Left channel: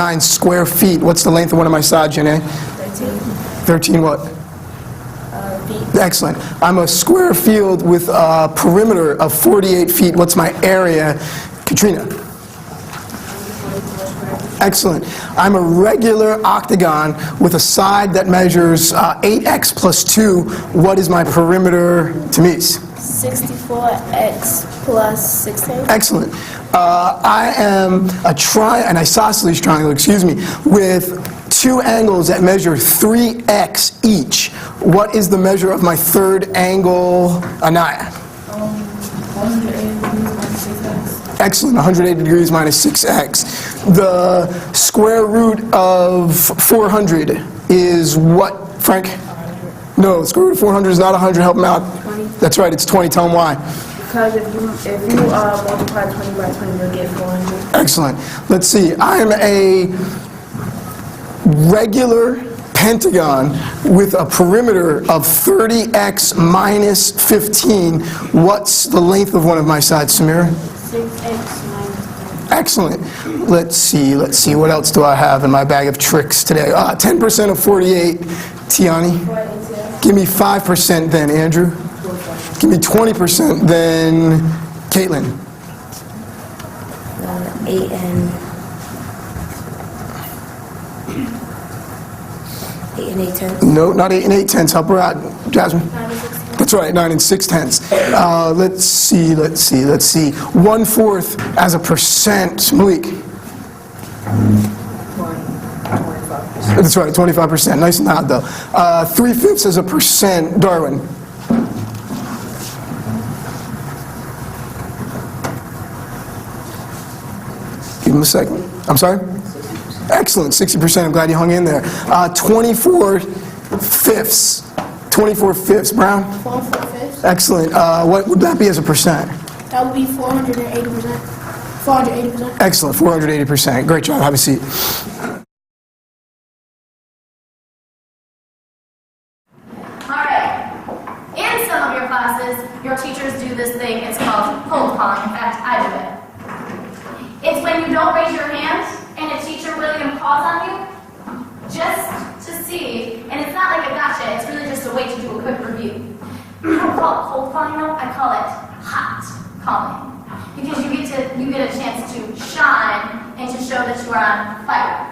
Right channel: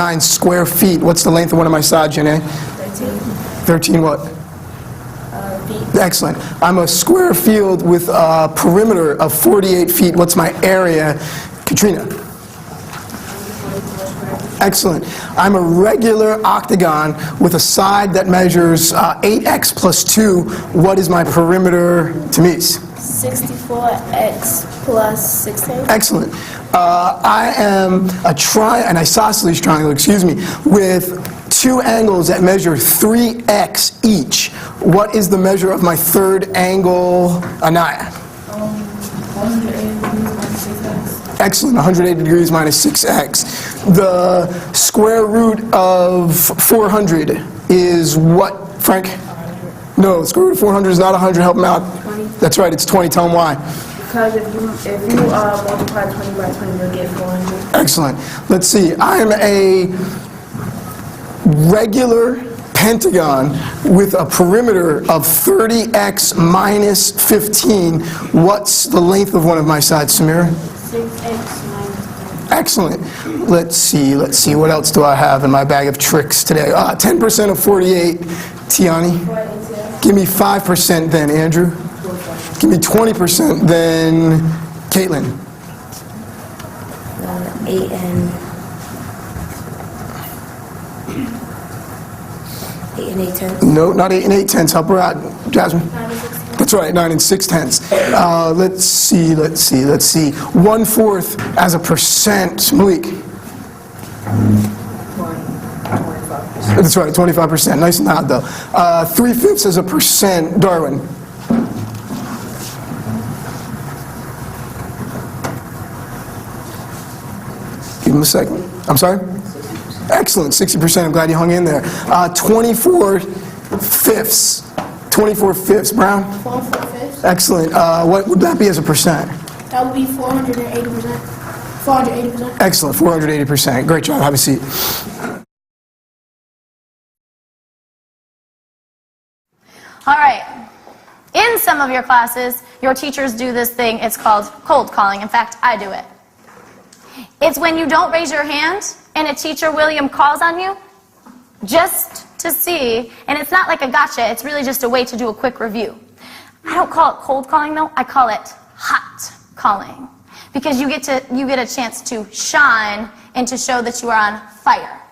9 square feet. What's the length of one of my sides, Janae? 13. 13 what? Feet. Excellent. I'm a square field with a perimeter of 48 feet. What's my area? Katrina? Excellent. I'm a regular octagon with a side that measures 8x plus 2. What is my perimeter, Tamise? 64x plus 16. Excellent. I am an isosceles triangle, with 2 angles that measure 3x each. What is the measure of my third angle, Anaya? 180 minus 6x. Excellent, 180 degrees minus 6x. The square root of 400 is what, Frank? 100. No, the square root of 400 is not 100. Help him out. 20. That's right, it's 20. Tell him why. Because if you multiply 20 by 20, you'll get 400. Excellent. Let's see. I'm a regular pentagon with a perimeter of 30x minus 15. What's the length of one of my sides, Samira? 6x minus 10. Excellent. Let's see. What else do I have in my bag of tricks today? 10% of 48. Tiani? Give me 5% then, Andrew. Give me 20% then, Caitlin. 8 and 8 tenths. No, not 8 and 8 tenths. Help her out, Jasmine. 9 and 6 tenths. That's right, 9 and 6 tenths. Let's see. 1/4 as a percent, Malik. 25%. That's right, 25%. Nice and loud though. 3/5 as a percent, Darwin. Give him a second. I'm sorry? 60%. Excellent, 60%. I'm glad you hung in there. 24/5. 24/5, Brown? 4/5. Excellent. What would that be as a percent? That would be 480%. 480%. Excellent, 480%. Great job. Have a seat. All right. In some of your classes, your teachers do this thing. It's called cold calling. In fact, I do it. It's when you don't raise your hand and a teacher, William, calls on you just to see, and it's not like a gotcha, it's really just a way to do a quick review. I don't call it cold calling though, I call it hot calling. Because you get a chance to shine and to show that you are on fire.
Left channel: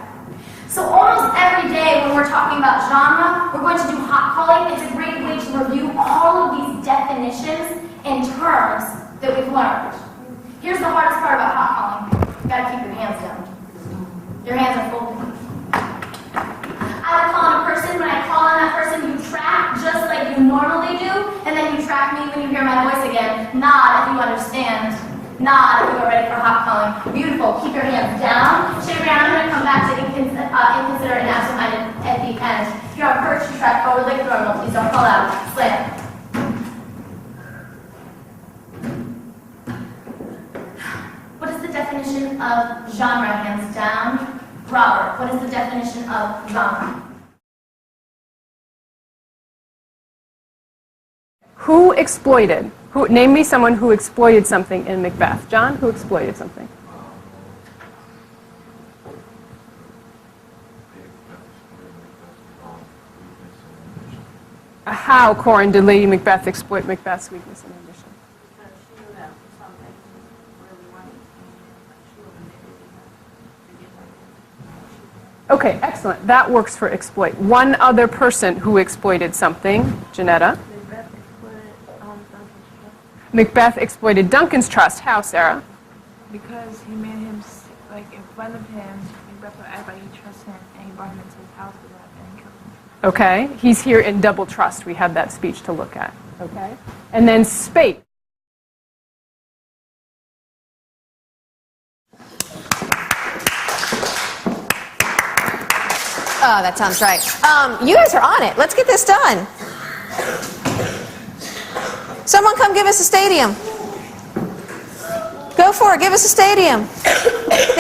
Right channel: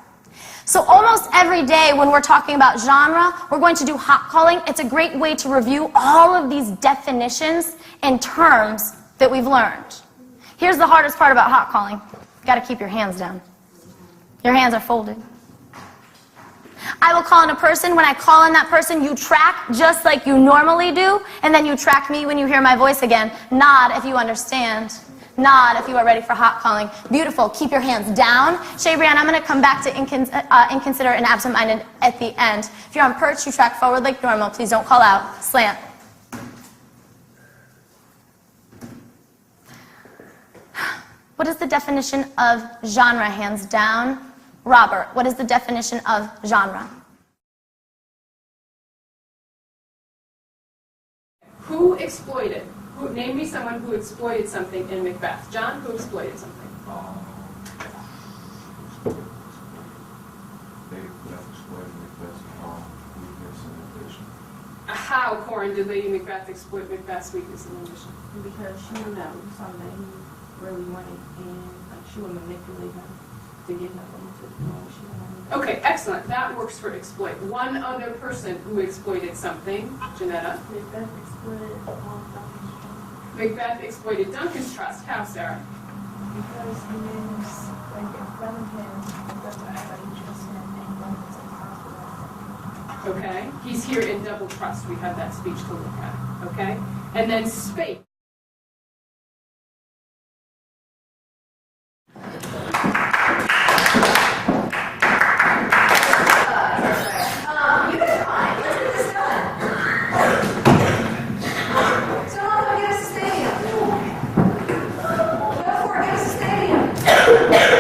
So almost every day when we're talking about genre, we're going to do hot calling. It's a great way to review all of these definitions and terms that we've learned. Here's the hardest part about hot calling. You gotta keep your hands down. Your hands are folded. I will call in a person. When I call in that person, you track just like you normally do, and then you track me when you hear my voice again. Nod if you understand. Nod if you are ready for hot calling. Beautiful. Keep your hands down. Shaybrian, I'm going to come back to inconsiderate and absent-minded at the end. If you're on perch, you track forward like normal. Please don't call out. Slam. What is the definition of genre? Hands down. Robert, what is the definition of genre? Who exploited? Name me someone who exploited something in Macbeth. John, who exploited something? How, Corin, did Lady Macbeth exploit Macbeth's weakness and ambition? Because she knew that was something that he really wanted, and she would manipulate him to get him into information. Okay, excellent. That works for exploit. One other person who exploited something, Janetta. Macbeth exploited Duncan's trust. How, Sarah? Because he made him, like, in front of him, Macbeth would act like he trusted him, and he brought him into the house without him. Okay, he's here in double trust. We have that speech to look at. Okay, and then spate. Oh, that sounds right. You guys are on it. Let's get this done. Someone come give us a stadium. Go for it. Give us a stadium.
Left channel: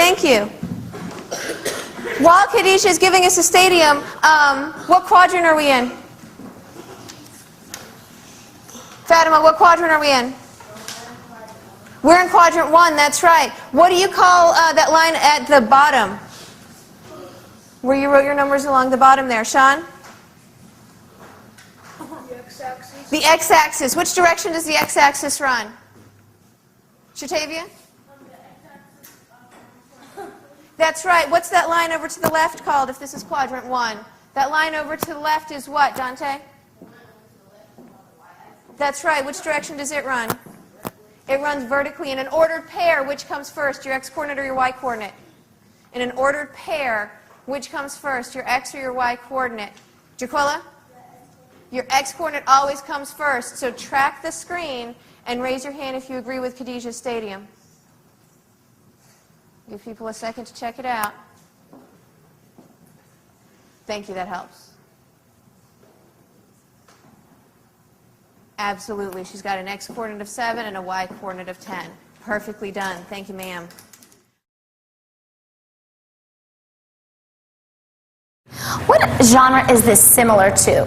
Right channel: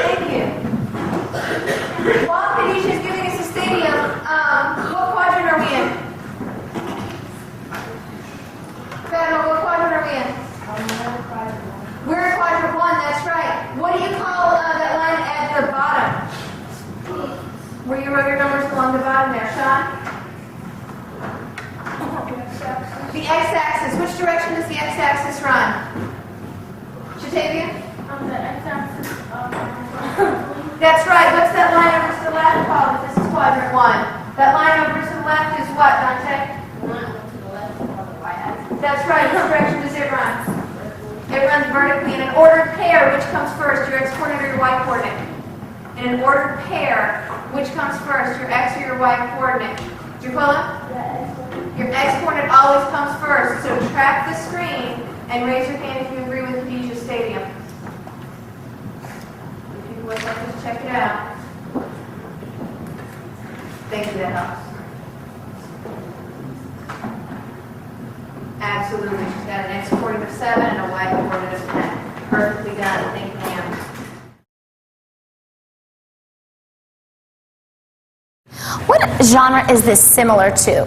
Thank you. While Kadisha is giving us a stadium, what quadrant are we in? Fatima, what quadrant are we in? We're in quadrant 1, that's right. What do you call that line at the bottom? where you wrote your numbers along the bottom there. Sean? The x-axis. Which direction does the x-axis run? Shatavia? The x-axis That's right. What's that line over to the left called if this is quadrant 1? That line over to the left is what, Dante? That's right. Which direction does it run? It runs vertically in an ordered pair. Which comes first, your x-coordinate or your y-coordinate? In an ordered pair, which comes first, your x or your y-coordinate? Jaquilla? Your x-coordinate always comes first, so track the screen and raise your hand if you agree with Khadijah Stadium. Give people a second to check it out. Thank you, that helps. Absolutely, she's got an x-coordinate of 7 and a y-coordinate of 10. Perfectly done, thank you, ma'am. What genre is this similar to?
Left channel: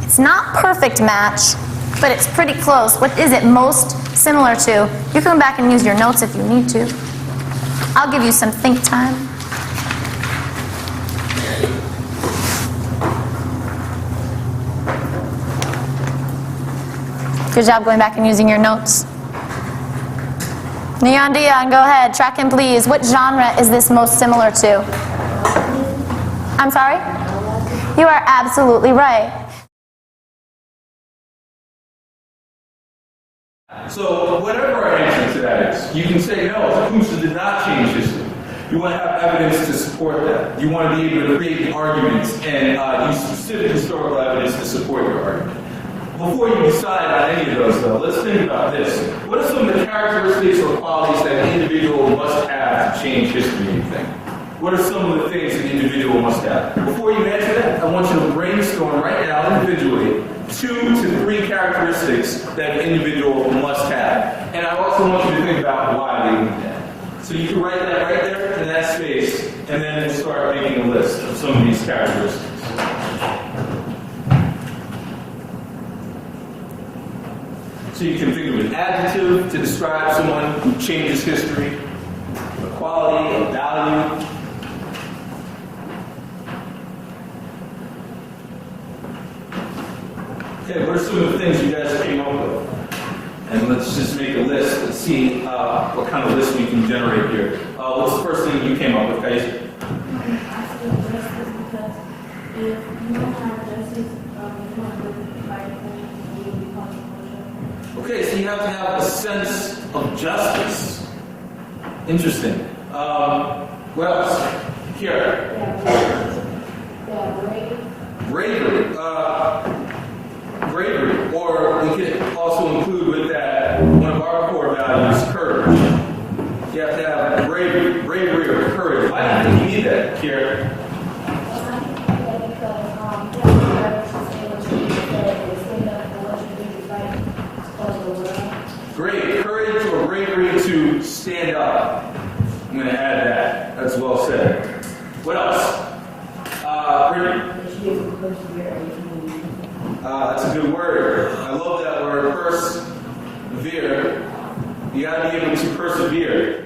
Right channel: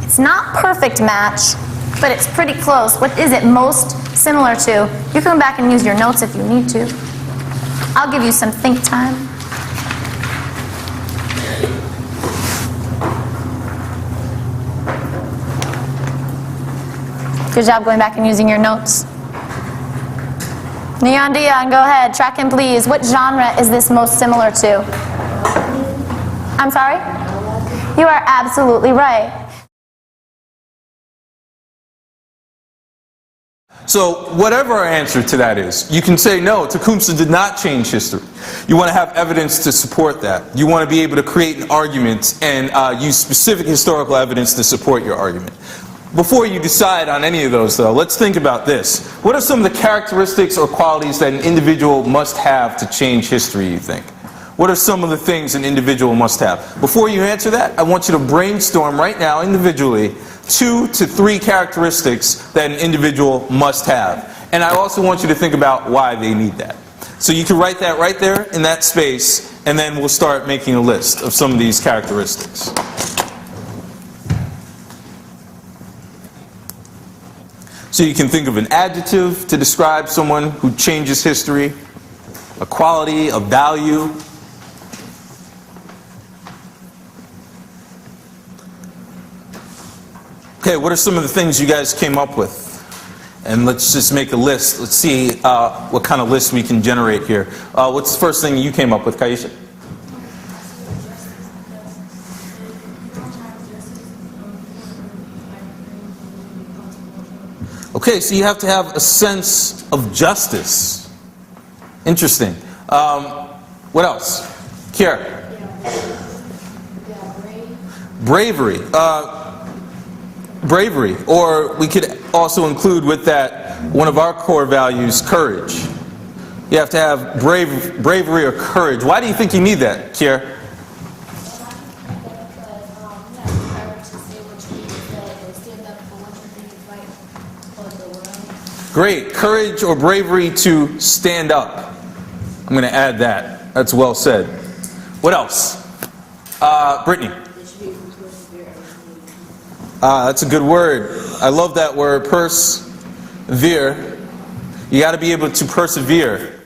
It's not perfect match, but it's pretty close. What is it most similar to? You can go back and use your notes if you need to. I'll give you some think time. Good job going back and using your notes. Neon Dion, go ahead. Track him, please. What genre is this most similar to? I'm sorry? You are absolutely right. So whatever our answer to that is, you can say, no, Tecumseh did not change history. You want to have evidence to support that. You want to be able to create an argument and use specific historical evidence to support your argument. Before you decide on any of those, though, let's think about this. What are some of the characteristics or qualities that an individual must have to change history, you think? What are some of the things an individual must have? Before you answer that, I want you to brainstorm right now individually 2 to 3 characteristics that an individual must have. And I also want you to think about why they need that. So you can write that right there in that space, and then we'll start making a list of some of these characteristics. So you can think of an adjective to describe someone who changes history, a quality, a value. Okay, what are some of the things you guys came up with? And let's just make a list. Let's see what kind of list we can generate here. What's the first thing you came up with, Kaisha? Okay, so you have to have a sense of justice. Interesting. What else? Kiara? Bravery. Bravery. Or we could also include with that one of our core values, courage. You have to have bravery or courage. Why do you think you need that, Kiara? Great. Courage or bravery to stand up. I'm going to add that. That's well said. What else? Brittany. That's a good word. I love that word, persevere. You got to be able to persevere.